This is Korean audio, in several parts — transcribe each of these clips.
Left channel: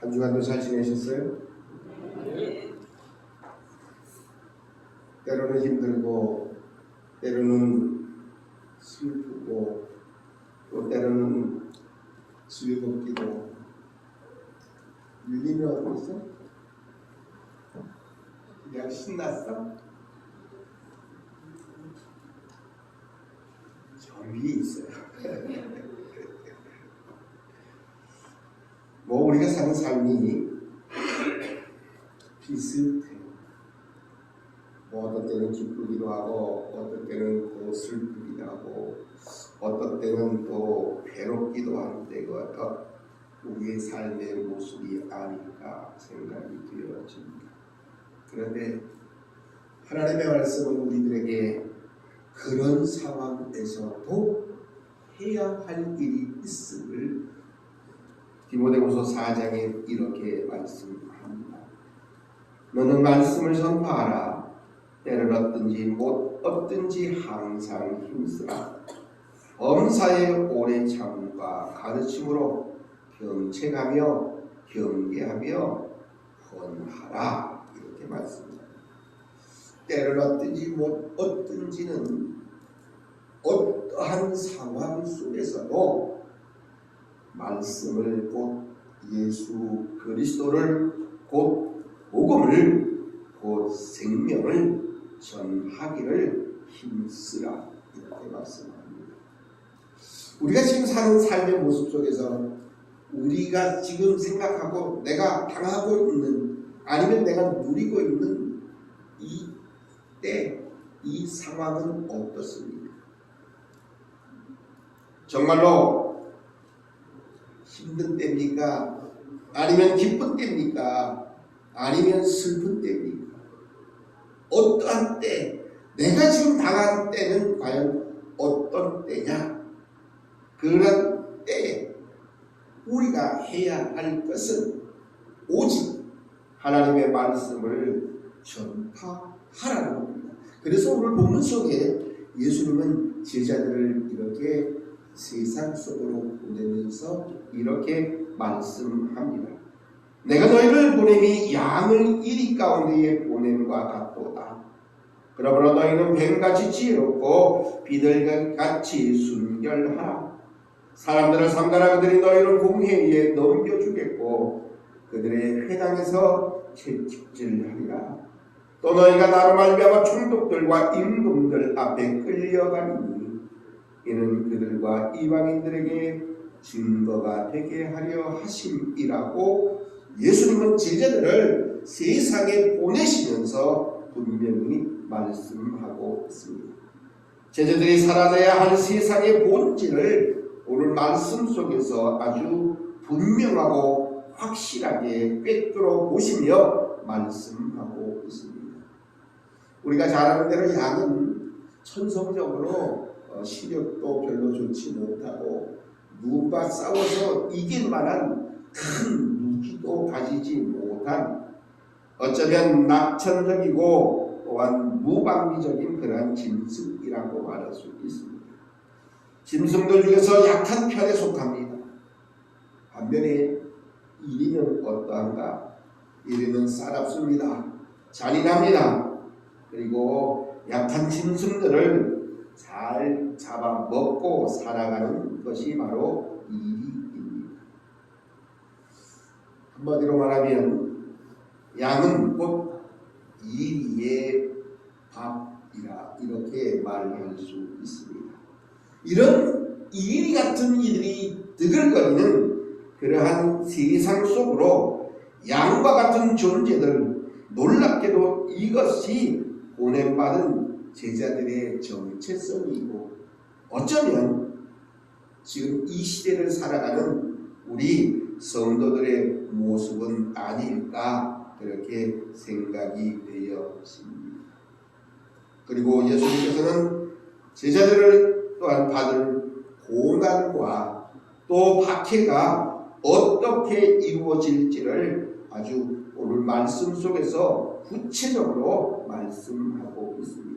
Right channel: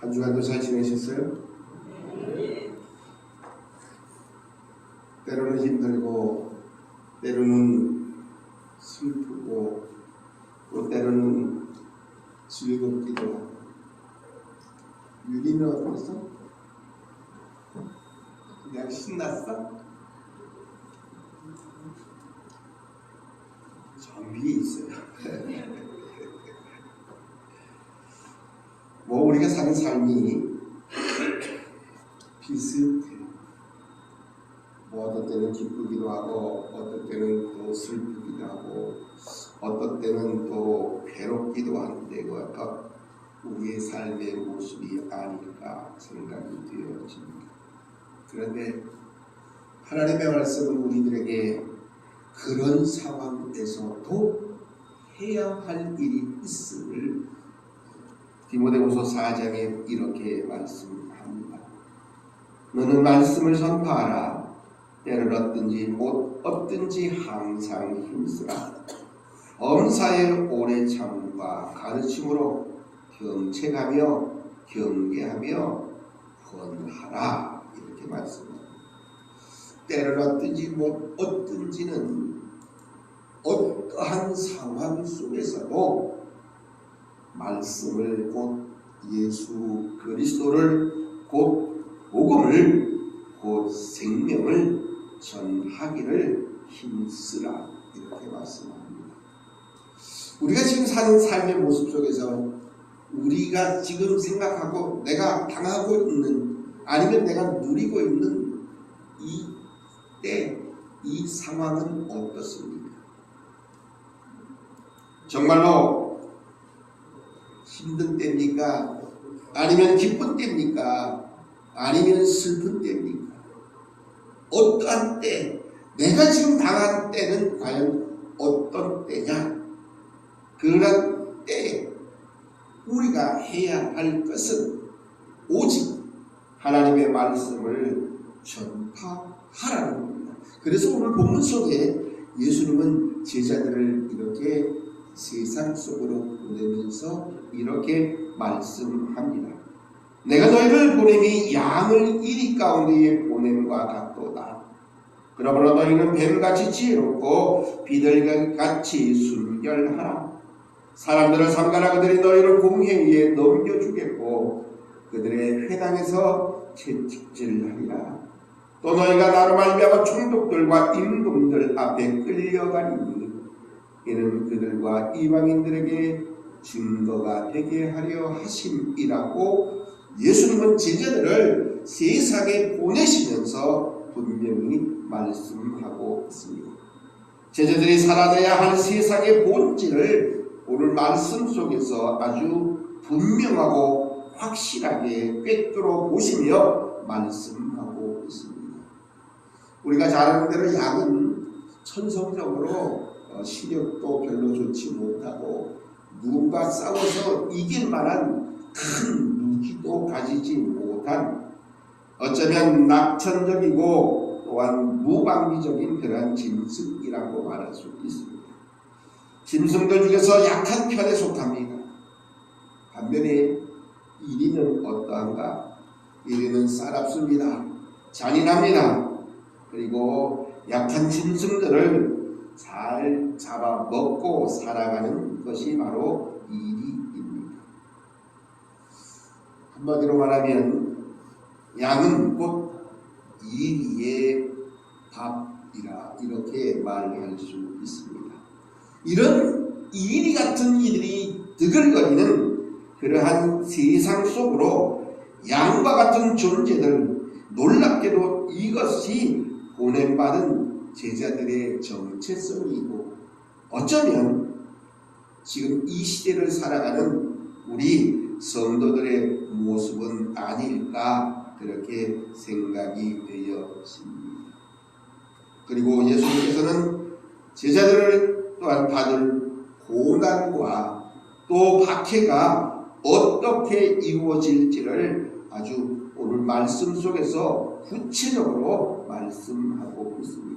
한 주간도 잘 지내셨어요? 네. 때로는 힘들고 때로는 슬프고 또 때로는 즐겁기도 하고. 윤희는 어땠어? 그냥 신났어? 저 위에 있어요. 뭐 우리가 사는 삶이 비슷해. 뭐 어떤 때는 기쁘기도 하고 어떤 때는 또 슬프기도 하고 어떤 때는 또 괴롭기도 한데 그것도 우리의 삶의 모습이 아닐까 생각이 되어집니다. 그런데 하나님의 말씀은 우리들에게 그런 상황에서도 해야 할 일이 있음을 디모데후서 4장에 이렇게 말씀합니다. 너는 말씀을 선포하라. 때를 얻든지 못 얻든지 항상 힘쓰라. 범사에 오래 참과 가르침으로 경책하며 경계하며 권하라. 이렇게 말씀합니다. 때를 얻든지 못 얻든지는 어떠한 상황 속에서도 말씀을 곧 예수 그리스도를 곧 복음을 곧 생명을 전하기를 힘쓰라. 이렇게 말씀합니다. 우리가 지금 사는 삶의 모습 속에서 우리가 지금 생각하고 내가 당하고 있는 아니면 내가 누리고 있는 이 상황은 어떻습니까? 정말로 힘든 때입니까? 아니면 기쁜 때입니까? 아니면 슬픈 때입니까? 어떠한 때, 내가 지금 당한 때는 과연 어떤 때냐? 그런 때에 우리가 해야 할 것은 오직 하나님의 말씀을 전파하라는 겁니다. 그래서 오늘 본문 속에 예수님은 제자들을 이렇게 세상 속으로 보내면서 이렇게 말씀합니다. 내가 너희를 보냄이 양을 이리 가운데에 보냄과 같도다. 그러므로 너희는 뱀같이 지혜롭고 비둘기같이 순결하라. 사람들을 삼가라. 그들이 너희를 공회의에 넘겨주겠고 그들의 회당에서 채찍질하리라. 또 너희가 나로 말미암아 총독들과 임금들 앞에 끌려가리니 이는 그들과 이방인들에게 증거가 되게 하려 하심이라고 예수님은 제자들을 세상에 보내시면서 분명히 말씀하고 있습니다. 제자들이 사라져야 할 세상의 본질을 오늘 말씀 속에서 아주 분명하고 확실하게 꿰뚫어 보시며 말씀하고 있습니다. 우리가 잘 아는 대로 양은 천성적으로 시력도 별로 좋지 못하고 누군가 싸워서 이길 만한 큰 무기도 가지지 못한 어쩌면 낙천적이고 또한 무방비적인 그러한 짐승이라고 말할 수 있습니다. 짐승들 중에서 약한 편에 속합니다. 반면에 이리는 어떠한가? 이리는 싸납습니다. 잔인합니다. 그리고 약한 짐승들을 잘 잡아먹고 살아가는 것이 바로 이리입니다. 한마디로 말하면 양은 곧 이리의 밥이라 이렇게 말할 수 있습니다. 이런 이리 같은 이들이 드글거리는 그러한 세상 속으로 양과 같은 존재들, 놀랍게도 이것이 보냄받은 제자들의 정체성이고 어쩌면 지금 이 시대를 살아가는 우리 성도들의 모습은 아닐까 그렇게 생각이 되어집니다. 그리고 예수님께서는 제자들을 또한 받을 고난과 또 박해가 어떻게 이루어질지를 아주 오늘 말씀 속에서 구체적으로 말씀하고 있습니다.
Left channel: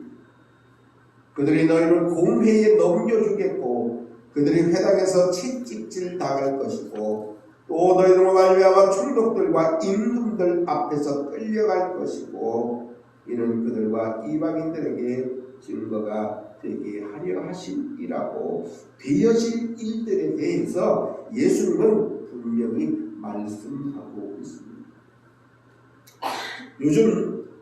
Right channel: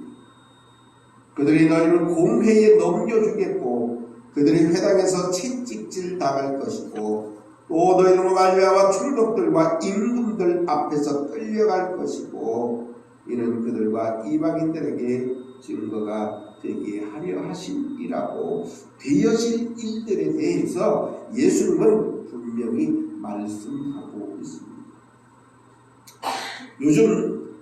그들이 너희를 공회에 넘겨주겠고 그들이 회당에서 채찍질 당할 것이고 또 너희로 말미암아 총독들과 임금들 앞에서 끌려갈 것이고 이는 그들과 이방인들에게 증거가 되게 하려 하심이라고 되어질 일들에 대해서 예수님은 분명히 말씀하고 있습니다. 요즘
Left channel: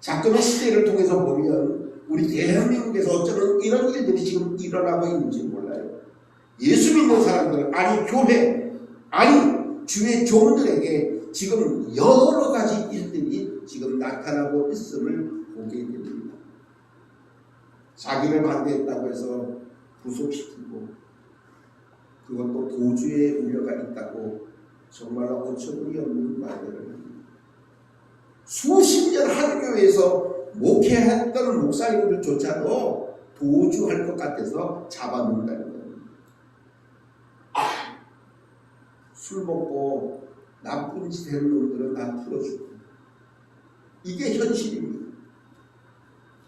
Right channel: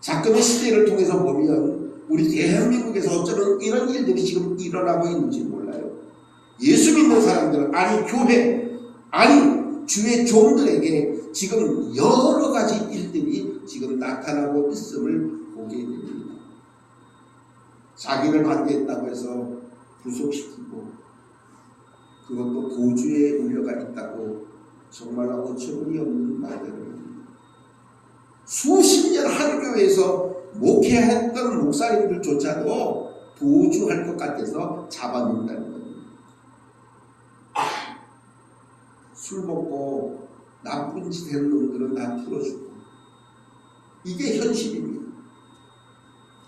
작금의 시대를 통해서 보면 우리 대한민국에서 어쩌면 이런 일들이 지금 일어나고 있는지 몰라요. 예수 믿는 사람들, 아니 교회, 아니 주의 종들에게 지금 여러 가지 일들이 지금 나타나고 있음을 보게 됩니다. 자기를 반대했다고 해서 구속시키고 그것도 도주의 우려가 있다고 정말로 어처구니 없는 말들을 합니다. 수십 년 한 교회에서 목회했던 목사님들조차도 도주할 것 같아서 잡아놓는다는 겁니다. 술 먹고 나쁜 짓 하는 놈들은 다 풀어주고 이게 현실입니다.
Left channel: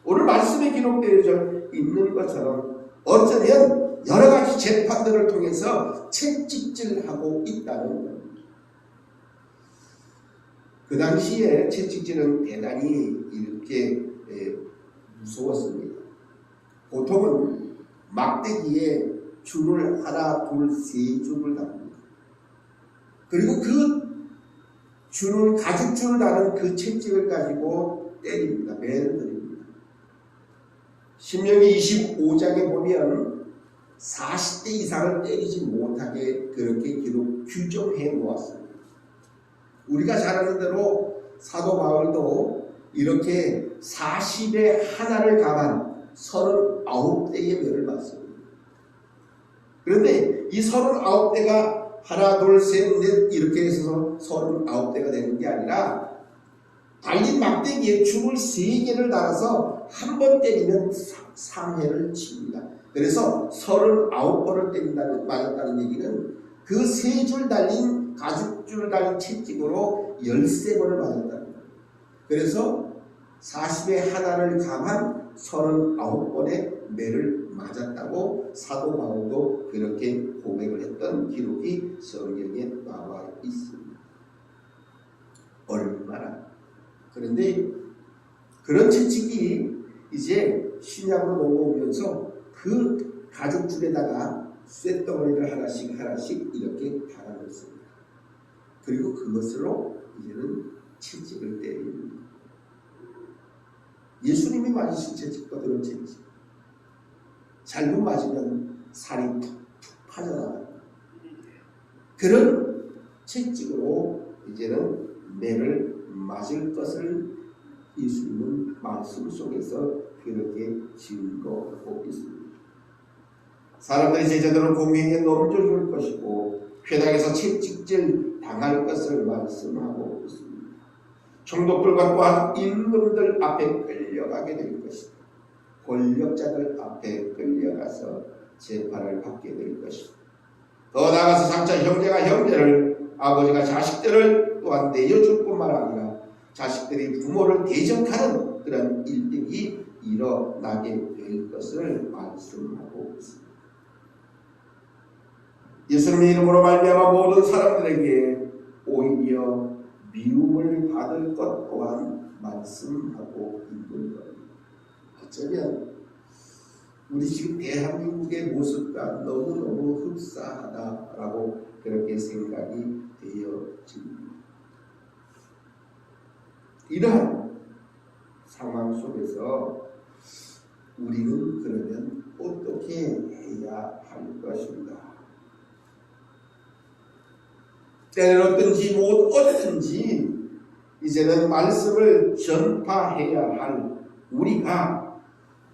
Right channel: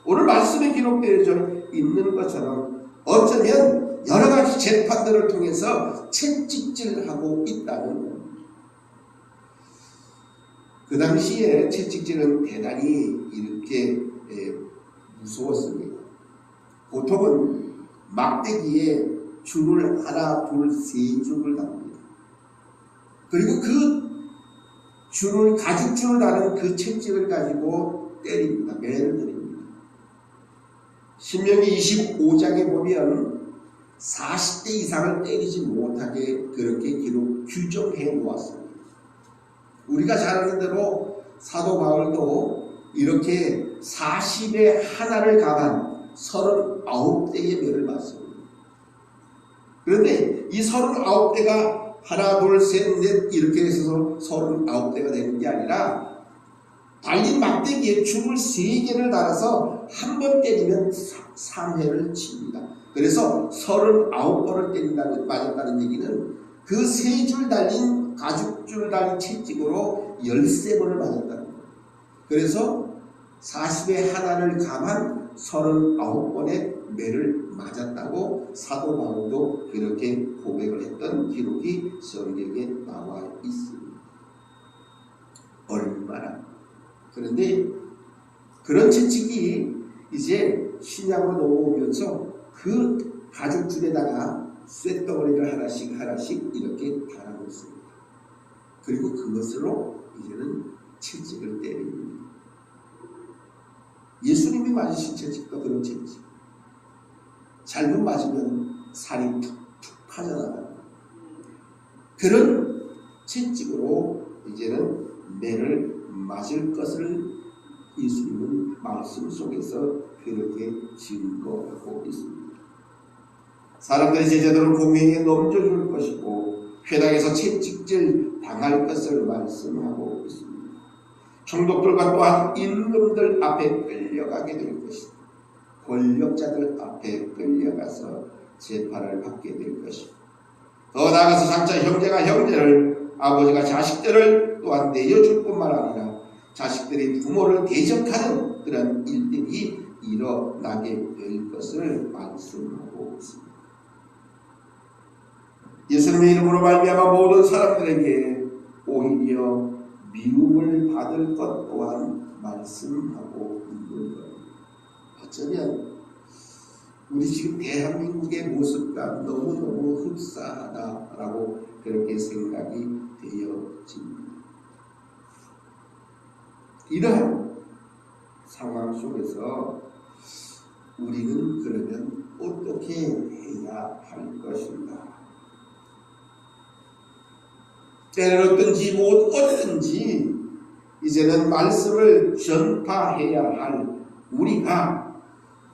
오늘 말씀에 기록되어 있는 것처럼 어쩌면 여러 가지 재판들을 통해서 채찍질하고 있다는 겁니다. 그 당시에 채찍질은 대단히 이렇게 무서웠습니다. 보통은 막대기에 줄을 하나, 둘, 세 줄을 답니다. 그리고 그 줄을 가죽줄을 다는 그 채찍을 가지고 때립니다. 매를 드립니다. 신명기 25장에 보면 40대 이상을 때리지 못하게 그렇게 규정해 놓았습니다. 우리가 잘 아는 대로 사도 바울도 이렇게 40에 하나를 가만 39대의 매를 맞습니다. 그런데 이 39대가 하나, 둘, 셋, 넷 이렇게 해서 39대가 되는 게 아니라 달린 막대기에 줄을 3개를 달아서 한 번 때리면 3회를 칩니다. 그래서 39번을 맞았다는 얘기는 그 3줄 달린 가죽줄 달린 채찍으로 13번을 맞았다는 거예요. 그래서 40에 하나를 감한 39번의 매를 맞았다고 사도 바울도 그렇게 고백을 했던 기록이 성경에 나와 있습니다. 얼마나. 그런데 그런 채찍이 이제 신약으로 넘어오면서 그 가죽줄에다가 쇳덩어리를 하나씩 이렇게 달아놓습니다. 그리고 그것으로 이제는 채찍을 때립니다. 예수님이 맞으신 채찍도 그런 채찍. 잘못 맞으면 살이 툭툭 빠져나가요. 그런 채찍으로 이제는 매를 맞을 것을 예수님은 말씀 속에서 그렇게 증거하고 있습니다. 사람들이 제자들을 공회에 넘겨줄 것이고 회당에서 채찍질 당할 것을 말씀하고 있습니다. 총독들과 또한 임금들 앞에 끌려가게 될 것이다. 권력자들 앞에 끌려가서 재판을 받게 될 것이다. 더 나아가서 장차 형제가 형제를, 아버지가 자식들을 또한 내어줄 뿐만 아니라 자식들이 부모를 대적하는 그런 일들이 일어나게 될 것을 말씀하고 있습니다. 예수님의 이름으로 말미암아 모든 사람들에게 오히려 미움을 받을 것 또한 말씀하고 있는 겁니다. 어쩌면 우리 지금 대한민국의 모습과 너무너무 흡사하다라고 그렇게 생각이 되어집니다. 이러한 상황 속에서 우리는 그러면 어떻게 해야 할 것인가? 때는 어떤지 못 어든지 이제는 말씀을 전파해야 할 우리가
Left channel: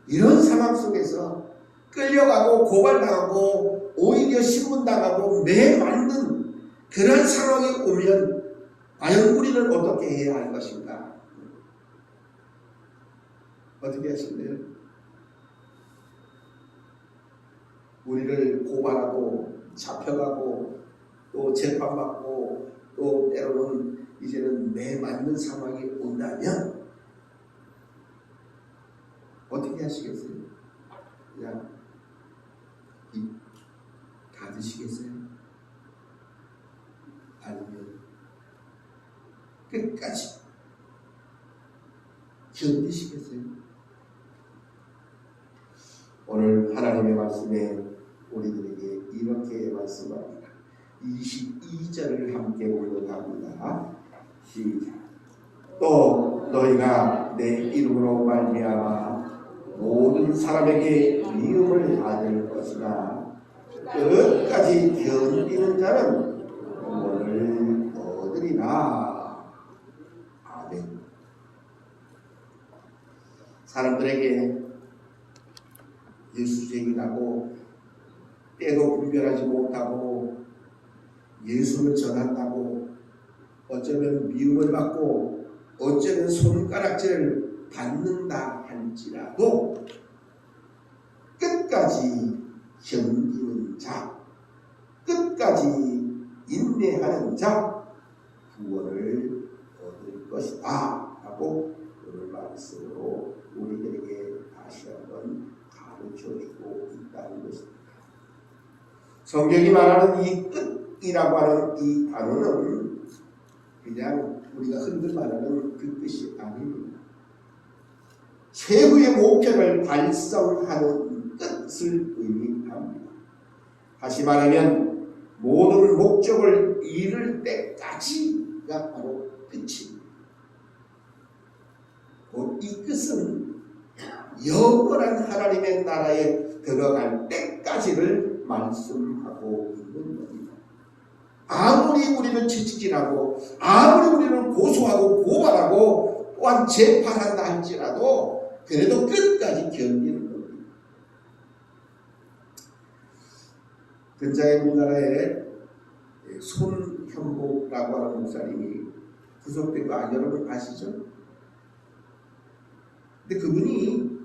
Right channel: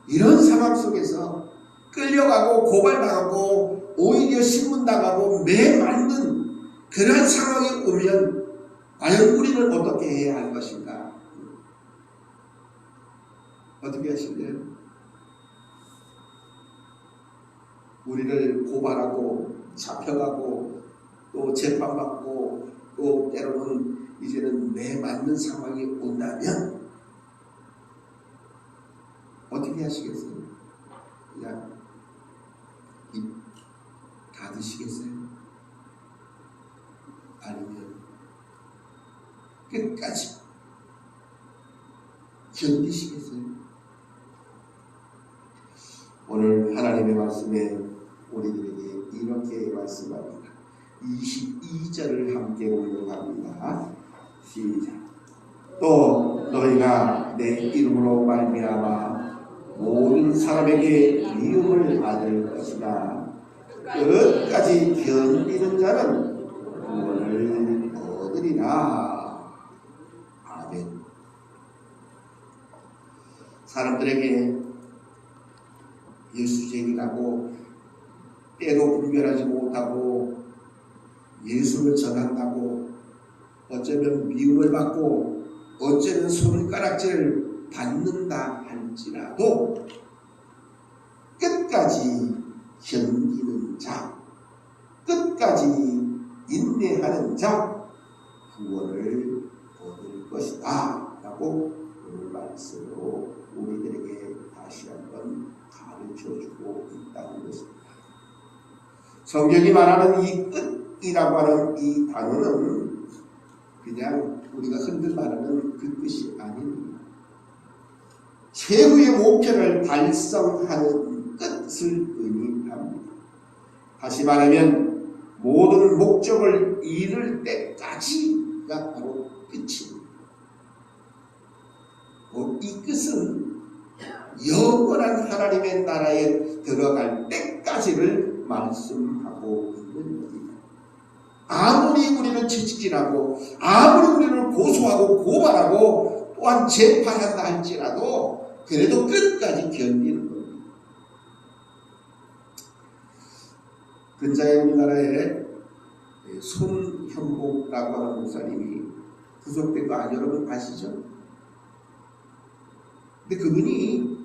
이런 상황 속에서 끌려가고 고발당하고 오히려 신문당하고 매 맞는 그런 상황이 오면 과연 우리는 어떻게 해야 할 것인가? 어떻게 하실래요? 우리를 고발하고 잡혀가고 또 재판받고 또 때로는 이제는 매 맞는 상황이 온다면 어떻게 하시겠어요? 그냥 입 닫으시겠어요? 끝까지 견디시겠어요? 오늘 하나님의 말씀에 우리들에게 이렇게 말씀합니다. 22절을 함께 공독합니다. 시작. 또 너희가 내 이름으로 말미암아 모든 사람에게 미움을 받을 것이다. 끝까지 견디는 자는 구원을 얻으리라. 아멘. 사람들에게 예수쟁이라고 때도 분별하지 못하고 예수를 전한다고 어쩌면 미움을 받고 어쩌면 손가락질을 받는다 할지라도 끝까지 견디는 자, 끝까지 인내하는 자 구원을 얻을 것이다 라고 오늘 말씀으로 우리들에게 다시 한번 가르쳐주고 있다는 것입니다. 성경이 말하는 이 끝이라고 하는 이 단어는 그냥 우리가 흔들 말하는 그 끝이 아닙니다. 최후의 목표를 달성하는 끝을 의미합니다. 다시 말하면 모든 목적을 이룰 때까지가 바로 끝입니다. 이 끝은 영원한 하나님의 나라에 들어갈 때까지를 말씀하고 있는 겁니다. 아무리 우리를 채찍질하고 아무리 우리를 고소하고 고발하고 또한 재판한다 할지라도 그래도 끝까지 견디는 겁니다. 근자에 우리나라에 손현복라고 하는 목사님이 구속된 거 여러분 아시죠? 근데 그분이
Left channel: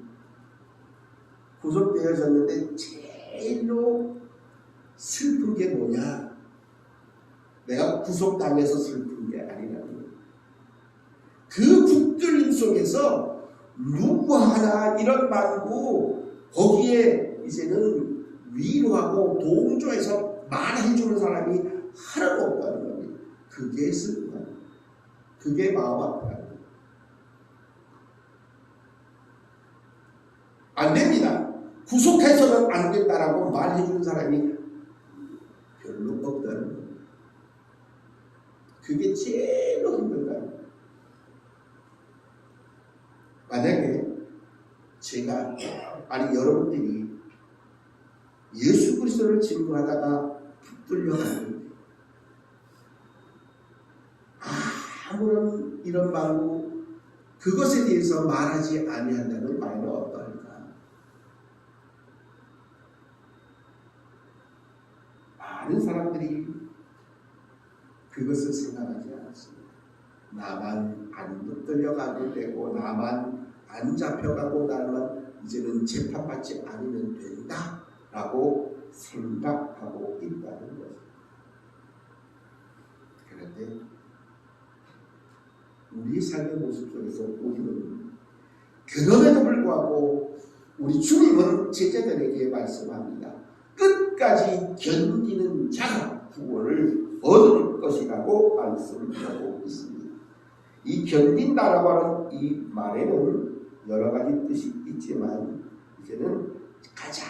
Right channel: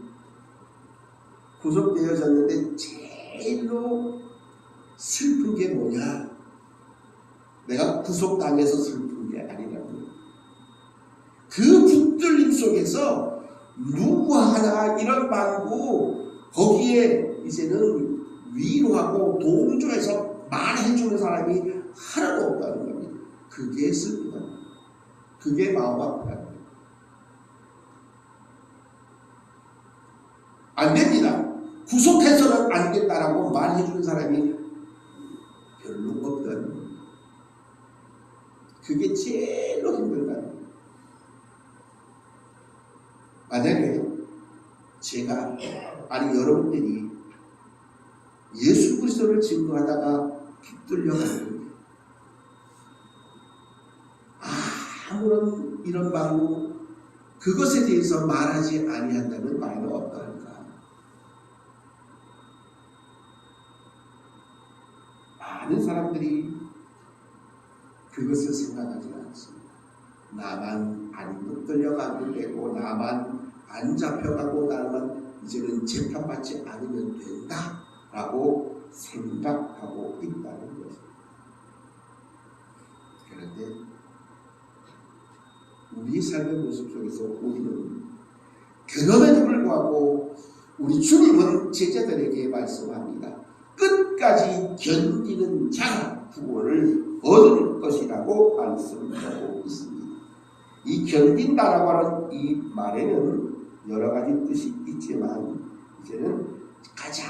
구속되어졌는데 제일로 슬픈 게 뭐냐? 내가 구속당해서 슬픈 게 아니라고. 그 붙들림 속에서 누구 하나 이런 말고 거기에 이제는 위로하고 동조해서 말해주는 사람이 하나도 없다는 겁니다. 그게 슬프다. 그게 마음 아프다. 안 됩니다. 구속해서는 안 된다라고 말해주는 사람이 별로 없다는 겁니다. 그게 제일로 힘들다는 겁니다. 만약에 제가 아니 여러분들이 예수 그리스도를 증거하다가 붙들려가는데 아무런 이런 말로 그것에 대해서 말하지 아니한다면 말은 어떠할까? 많은 사람들이 그것을 생각하지 않습니다. 나만 안 붙들려가면 되고 나만 안 잡혀가고 나만 이제는 재판받지 않으면 된다라고 생각하고 있다는 것입니다. 그런데 우리 삶의 모습 속에서 우리는 그럼에도 불구하고 우리 주님은 제자들에게 말씀합니다. 끝까지 견디는 자가 구원을 얻을 것이라고 말씀하고 있습니다. 이 견딘다라고 하는 이 말에는 여러 가지 뜻이 있지만 이제는 가장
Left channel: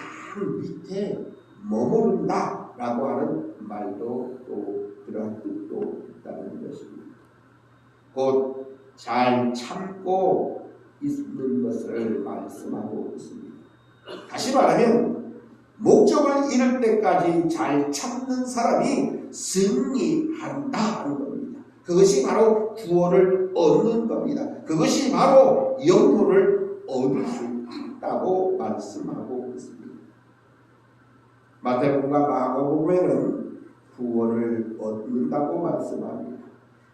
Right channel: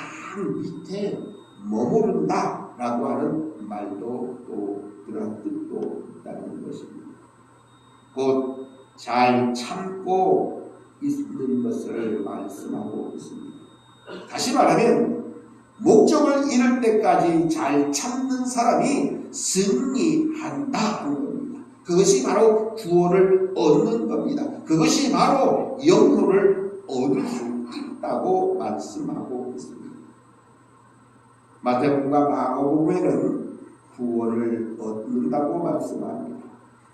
밑에 머무른다라고 하는 말도 또 그러한 뜻도 있다는 것입니다. 곧 잘 참고 있는 것을 말씀하고 있습니다. 다시 말하면 목적을 이룰 때까지 잘 참는 사람이 승리한다는 겁니다. 그것이 바로 구원을 얻는 겁니다. 그것이 바로 영혼을 얻을 수 있다고 말씀하고 있습니다. 마태복음과 마가복음에는 구원을 얻는다고 말씀합니다.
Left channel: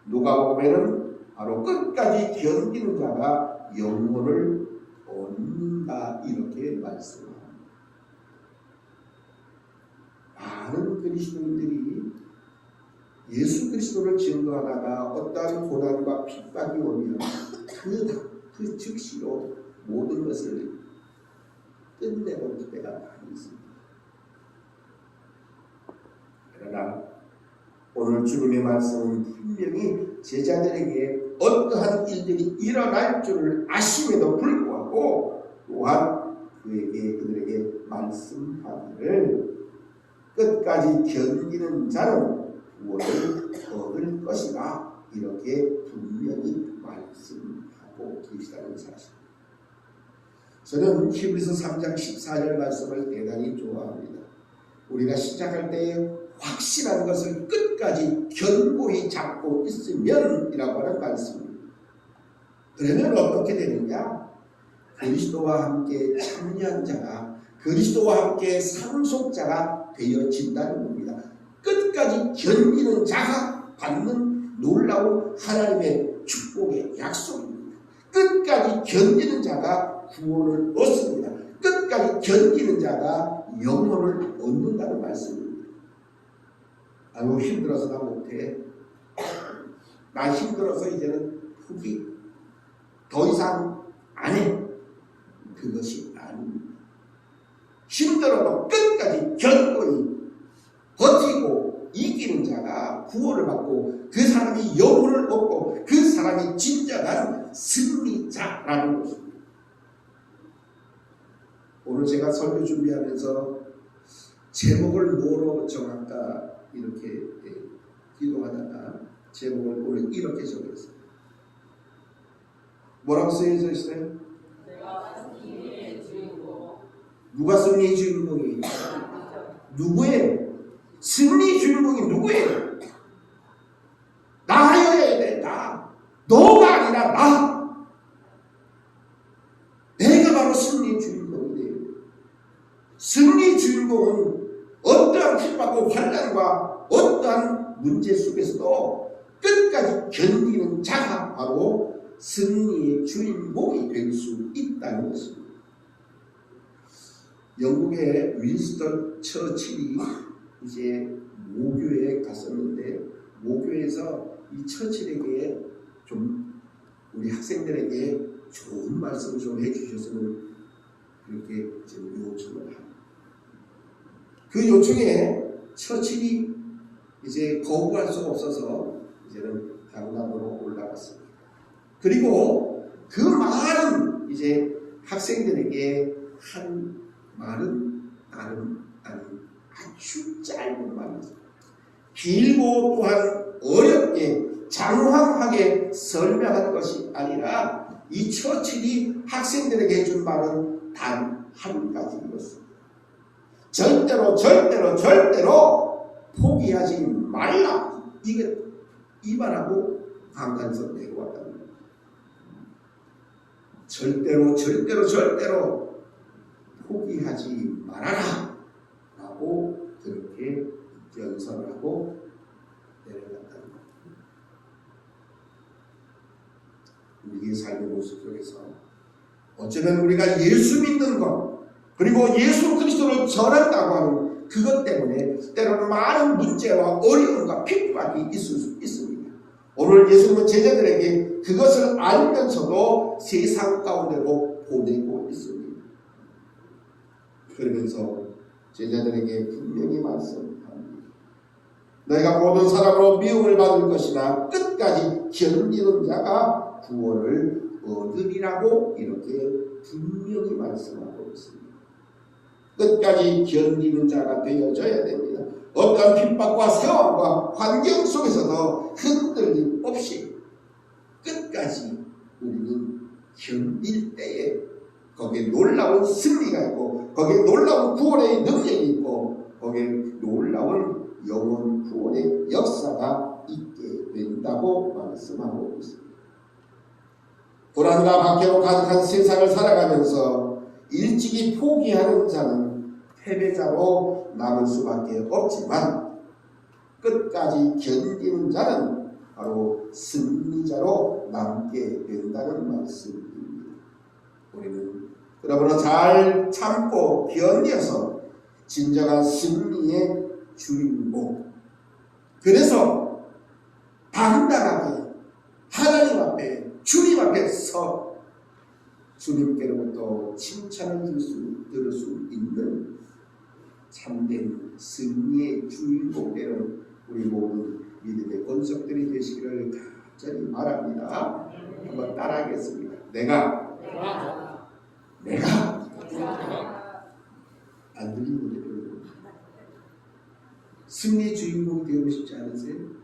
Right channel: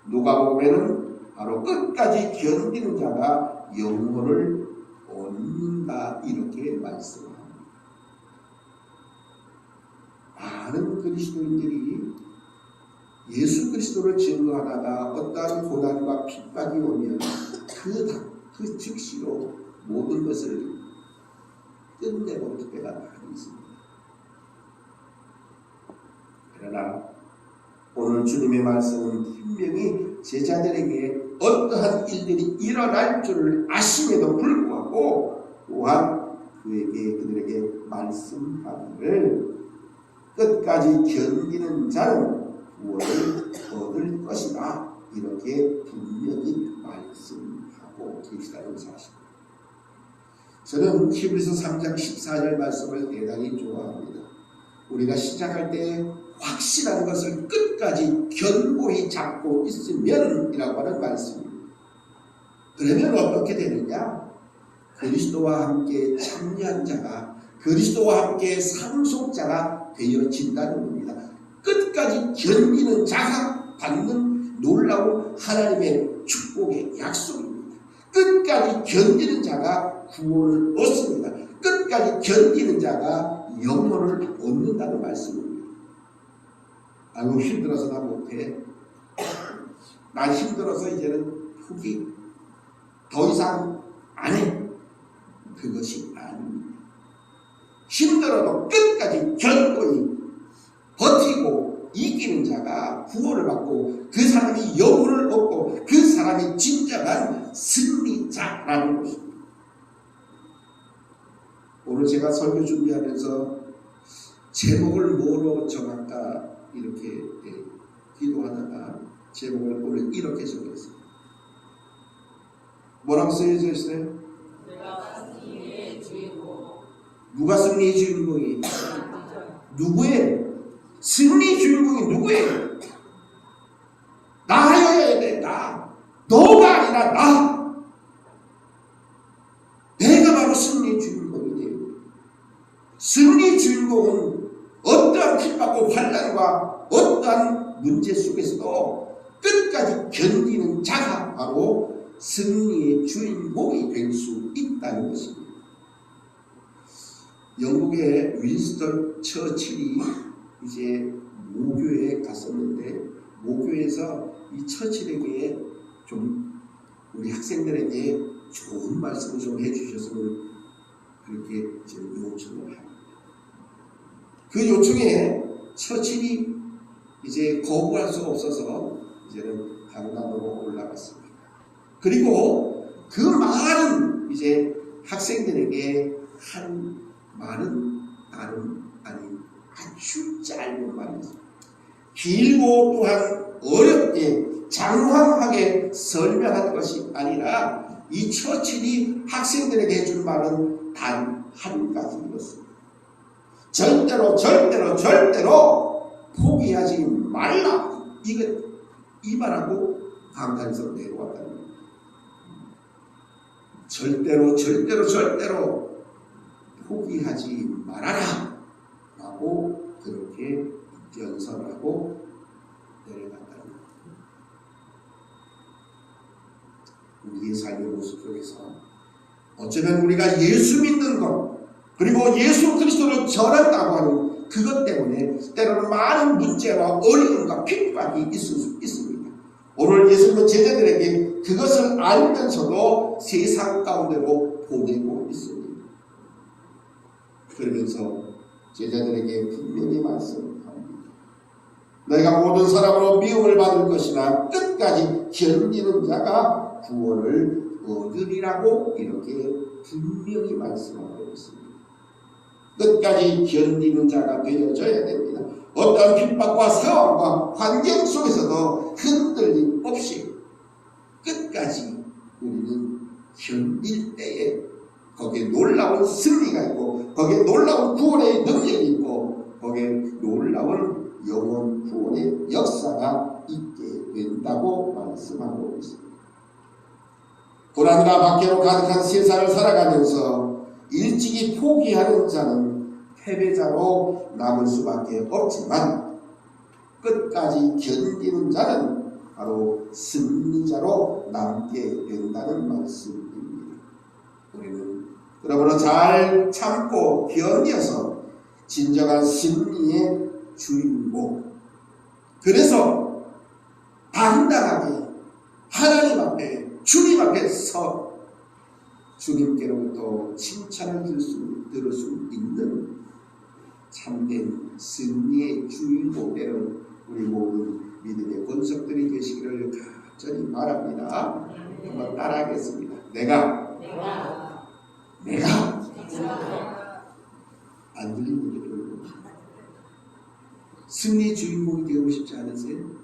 누가복음에는 바로 끝까지 견디는 자가 영혼을 얻는다 이렇게 말씀합니다. 많은 그리스도인들이 예수 그리스도를 증거하다가 어떠한 고난과 핍박이 오면 그 즉시로 모든 것을 끝내버릴 때가 많이 있습니다. 그러나 오늘 주님의 말씀은 분명히 제자들에게 어떠한 일들이 일어날 줄을 아심에도 불구하고 또한 그들에게 말씀하기를 끝까지 견디는 자는 구원을 얻을 것이다, 이렇게 분명히 말씀하고 계시다는 사실입니다. 저는 히브리서 3장 14절 말씀을 대단히 좋아합니다. 우리가 시작할 때 확실한 것을 끝까지 견고히 잡고 있으면 이라고 하는 말씀입니다. 그러면 어떻게 되느냐? 그리스도와 함께 참여한 자가, 그리스도와 함께 상속자가 되어진다는 겁니다. 끝까지 견디는 자가 받는 놀라운 하나님의 축복의 약속입니다. 끝까지 견디는 자가 구원을 얻습니다. 끝까지 견디는 자가 영혼을 얻는다는 말씀입니다. 아이고, 힘들어서 나 못해. 나 힘들어서 이제는 포기. 더 이상 안 해. 그것이 아닙니다. 힘들어도 끝까지 견고히 버티고 이기는 자가 구원을 받고 그 사람이 영혼을 얻고 그 사람이 진정한 승리자라는 것입니다. 오늘 제가 설교 준비하면서 제목을 뭐로 정할까 이렇게 기도하다가 제목을 오늘 이렇게 정했어요. 뭐라고 쓰여져 있어요? 승리의 주인공. 누가 승리의 주인공이? 누구예요? 승리 주인공이 누구예요? 나여야 돼. 나. 너가 아니라 나. 내가 바로 승리 주인공이 돼요. 승리 주인공은 어떠한 핍박과 환난과 어떠한 문제 속에서도 끝까지 견디는 자가 바로 승리의 주인공이 될 수 있다는 것입니다. 영국의 윈스턴 처칠이 이제 모교에 갔었는데, 모교에서 이 처칠에게 좀 우리 학생들에게 좋은 말씀을 좀 해주셨으면 그렇게 요청을 합니다. 그 요청에 처칠이 이제 거부할 수가 없어서 이제는 강단으로 올라갔습니다. 그리고 그 많은 이제 학생들에게 한 말은 다른 아닌 아주 짧은 말이었습니다. 길고 또한 어렵게 장황하게 설명한 것이 아니라 이 처칠이 학생들에게 해준 말은 단 한 가지였습니다. 절대로 포기하지 말라. 이 말하고 강단에서 내려왔다는 겁니다. 절대로 포기하지 말아라 라고 그렇게 연설하고 내려갔다는 겁니다. 우리의 삶의 모습 속에서 어쩌면 우리가 예수 믿는 것, 그리고 예수 그리스도를 전한다고 하는 그것 때문에 때로는 많은 문제와 어려움과 핍박이 있을 수 있습니다. 오늘 예수님은 제자들에게 그것을 알면서도 세상 가운데로 보내고 있습니다. 그러면서 제자들에게 분명히 말씀합니다. 너희가 모든 사람으로 미움을 받을 것이나 끝까지 견디는 자가 구원을 얻으리라고 이렇게 분명히 말씀하고 있습니다. 끝까지 견디는 자가 되어져야 됩니다. 어떠한 핍박과 세월과 환경 속에서도 흔들림 없이 끝까지 우리는 견딜 때에 거기에 놀라운 승리가 있고, 거기에 놀라운 구원의 능력이 있고, 거기에 놀라운 영원 구원의 역사가 있게 된다고 말씀하고 있습니다. 불안과 박해로 가득한 세상을 살아가면서 일찍이 포기하는 자는 패배자로 남을 수밖에 없지만, 끝까지 견디는 자는 바로 승리자로 남게 된다는 말씀입니다. 우리는 그러므로 잘 참고 견뎌서 진정한 승리의 주인공, 그래서 당당하게 하나님 앞에, 주님 앞에 서 주님께로부터 칭찬을 들을 수 있는 참된 승리의 주인공 되는 우리 모든 믿음의 권속들이 되시기를 간절히 바랍니다. 한번 따라하겠습니다. 내가 안 들리는데 승리의 주인공이 되고 싶지 않으세요?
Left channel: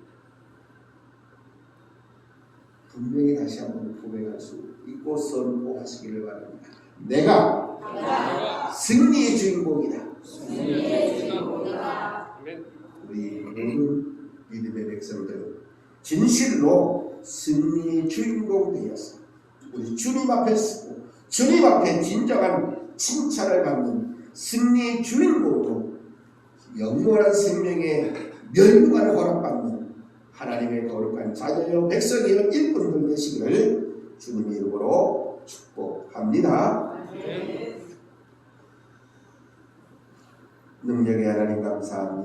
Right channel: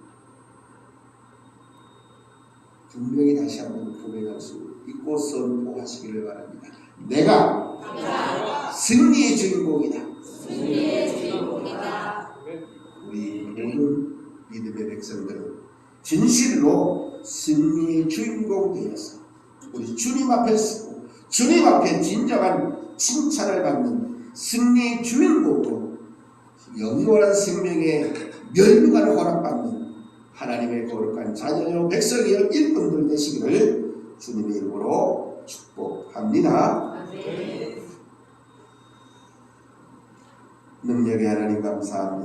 분명히 다시 한번 고백할 수 있고 선포하시기를 바랍니다. 내가 승리의 주인공이다. 우리 모든 믿음의 백성들은 진실로 승리의 주인공 되어서 우리 주님 앞에 서고 주님 앞에 진정한 칭찬을 받는 승리의 주인공으로 영원한 생명의 멸류관을 허락받는 하나님의 거룩한 자녀요 백성이요 일꾼들 되시기를 주님의 이름으로 축복합니다. 능력의 하나님 감사합니다.